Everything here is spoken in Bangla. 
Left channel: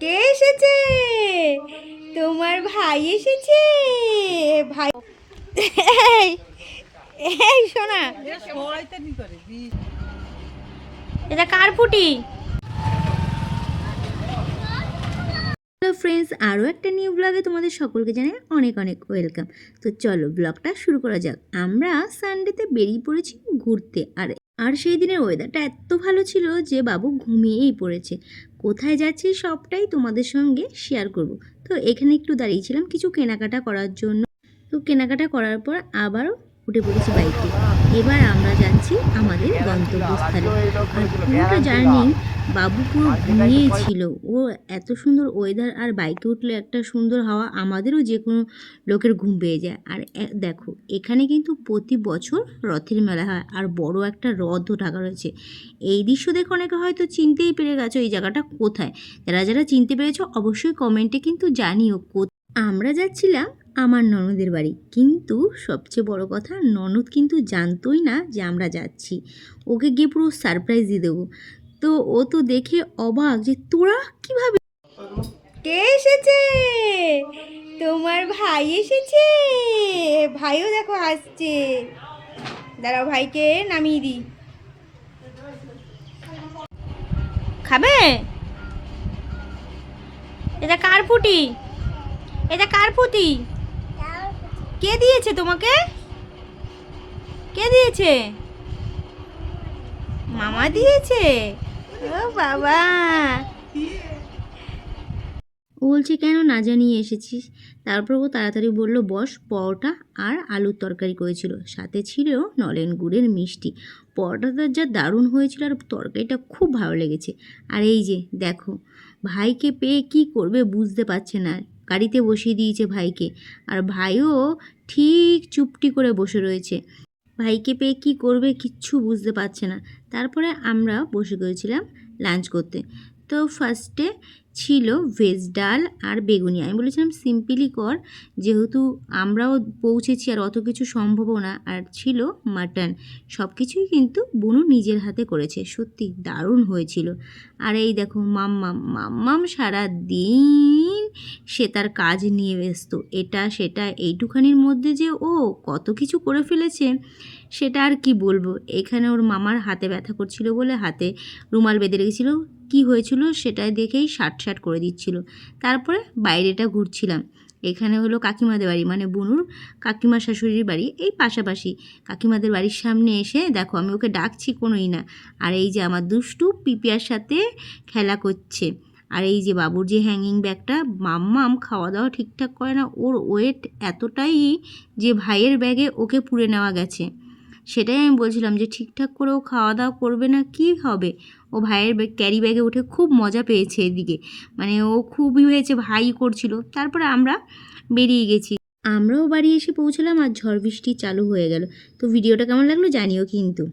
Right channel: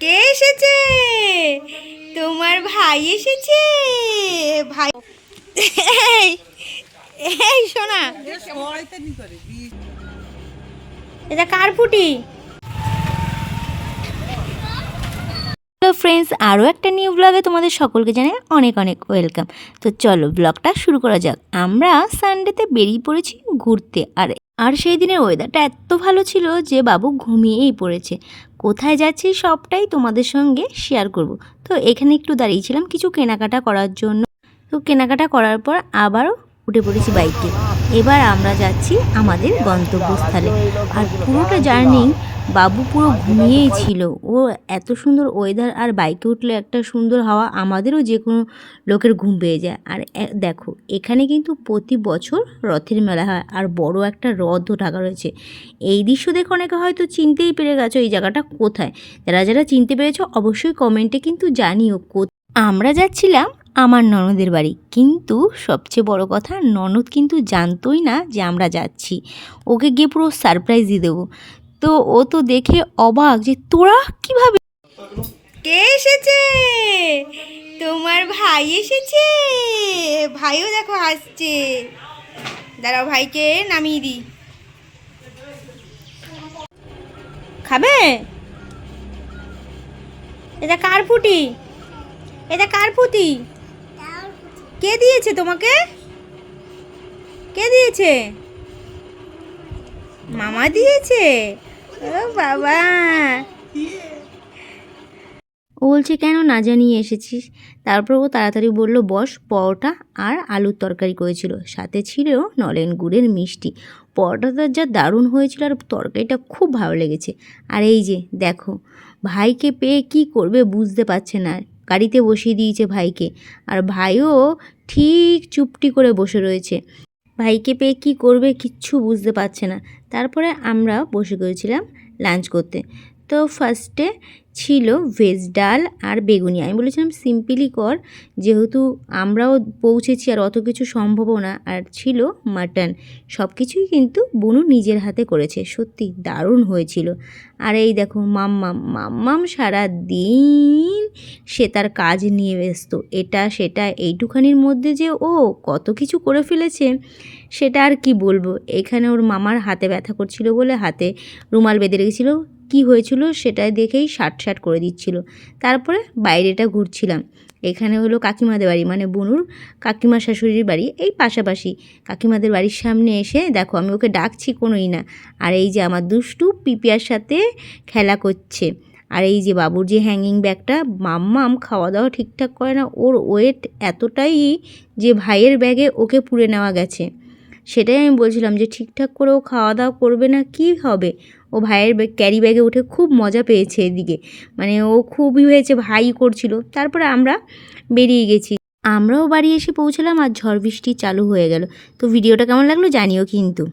কে এসেছে? তোমার ভাই এসেছে। ভাই এই শোনা, এটা কার ফুটি? হ্যালো ফ্রেন্ডস, আরও একটা নিউ ব্লগে তোমাদের সকলকে জানাই অনেক অনেক ওয়েলকাম। তো চলো ব্লগটা শুরু করা যাক। আমরা সানডেতে বেরিয়ে পড়েছি ঘুরতে, আর সেই দিনের ওয়েদারটা এত ভালো ছিল যে বাবু ঘুমিয়েই পড়েছে। কোথায় যাচ্ছি সবটাই তোমাদের সঙ্গে শেয়ার করব। তো এখানে একটু দাঁড়িয়েছিলাম কিছু কেনাকাটা করার জন্য। তো কেনাকাটা করার পর আবারও উঠে পড়েছি বাইকে। এবার আমরা যাচ্ছি আমাদের গন্তব্যস্থলে। আর পুরোটা জার্নি বাবু পুরো ঘুমিয়েই ছিল। ও এত সুন্দর ওয়েদার, আর বাইকে উঠলে একটা সুন্দর হাওয়া, আমাদেরও যে কোনো লোকের ঘুম পেয়ে যায়। আর দেখো এখানে কিন্তু প্রতি বছর রথের মেলা হয়, আর বড় একটা রথও ঢাকা রয়েছে। এই দৃশ্য দেখে অনেকে হয়তো চিনতেই পেরে গেছো এই জায়গাটা কোথায়। যারা যারা চিনতে পেরেছো অবশ্যই কমেন্টে কিন্তু জানিও। আমরা যাচ্ছিলাম আমার ননদের বাড়ি, কিন্তু সবচেয়ে বড় কথা ননদ কিন্তু জানতোই না যে আমরা যাচ্ছি। ওকে গিয়ে পুরো সারপ্রাইজ দিয়ে দেবো। তো ও তো দেখে অবাক যে তোরা কিভাবে। কে এসেছে? তোমার ভাই এসেছে। ভাইও দেখো আসছে। দাঁড়াও ভাইকে নামিয়ে দিই। খাবে? এটা কার ফুটি? এটা কার ফুটি? কে দিয়েছে তোমাকে? কে দিয়েছে? মামা দিয়েছে। ও বাবা, ও বলছে কেন না জানিয়ে এসেছিস। তারপর ও তাড়াতাড়ি বলল বস, পরোটা আর আলুর তরকারি করেছিল, সাথে ছিল নলেন গুড়ের মিষ্টি। পরোটাটা যা দারুণ হয়েছিল, আর তরকারিটা খুব ভালো লেগেছে। আর এই যে দেখো, ভাইকে পেয়ে কি করবে বুঝতে পারছে না। গাড়িতে বসিয়ে দিয়েছে ভাইকে, আর ভাইও ঠিক চুপটি করে বসে রয়েছে। ভাইকে পেয়ে কী করবে কিচ্ছু বুঝতে পারছে না। তারপরে আমরা বসে গিয়েছিলাম লাঞ্চ করতে। তো ফার্স্টে ছিল ভেজ ডাল আর বেগুনি। আমি বলেছিলাম সিম্পলি কর, যেহেতু আমরাও পৌঁছেছি আর অত কিছু সম্ভবও না। আর ছিল মাটন। সব কিছুই কিন্তু বুনু নিজের হাতে করেছে, সত্যি দারুণ হয়েছিল। আর এই দেখো মাম্মাম সারা দিন সে তার কাজ নিয়ে ব্যস্ত, এটা সেটা। এইটুখানির মধ্যে যে ও কত কিছু করে ফেলেছে সেটা আর কি বলবো। এখানে ওর মামার হাতে ব্যথা করছিল বলে হাতে রুমাল বেঁধে রেখেছিল, কী হয়েছিল সেটা দেখেই শাট করে দিচ্ছিল। তারপরে বাইরেটা ঘুরছিলাম। এখানে হলো কাকিমাদের বাড়ি, মানে বুনুর কাকিমা শাশুড়ির বাড়ি, এই পাশাপাশি। কাকিমাদের বাড়ির সামনে এসে দেখো আমি ওকে ডাকছি কোনোই না। আর এই যে আমার দুষ্টু পিপিয়ার সাথে খেলা করছে। আর এই যে বাবুর যে হ্যাঙ্গিং ব্যাগটা, মাম্মাম খাওয়া দাওয়া ঠিকঠাক করে না, ওর ওয়েট এতটাই যে ভাইয়ের ব্যাগে ওকে পুড়ে নেওয়া গেছে। সেটাই আমি বলছিলাম যে ঠিকঠাক করে ও খাওয়া দাওয়া করবে না কি হবে। ও ভাইয়ের ক্যারি ব্যাগে উঠে খুব মজা পেয়েছে এদিকে, মানে ও খুবই হয়েছে ভাই করছিল। তারপরে আমরা বেরিয়ে গেছি। আমরাও বাড়ি এসে পৌঁছলাম আর ঝড় বৃষ্টি চালু হয়ে গেল। তো ভিডিওটা কেমন লাগলো জানিও কিন্তু।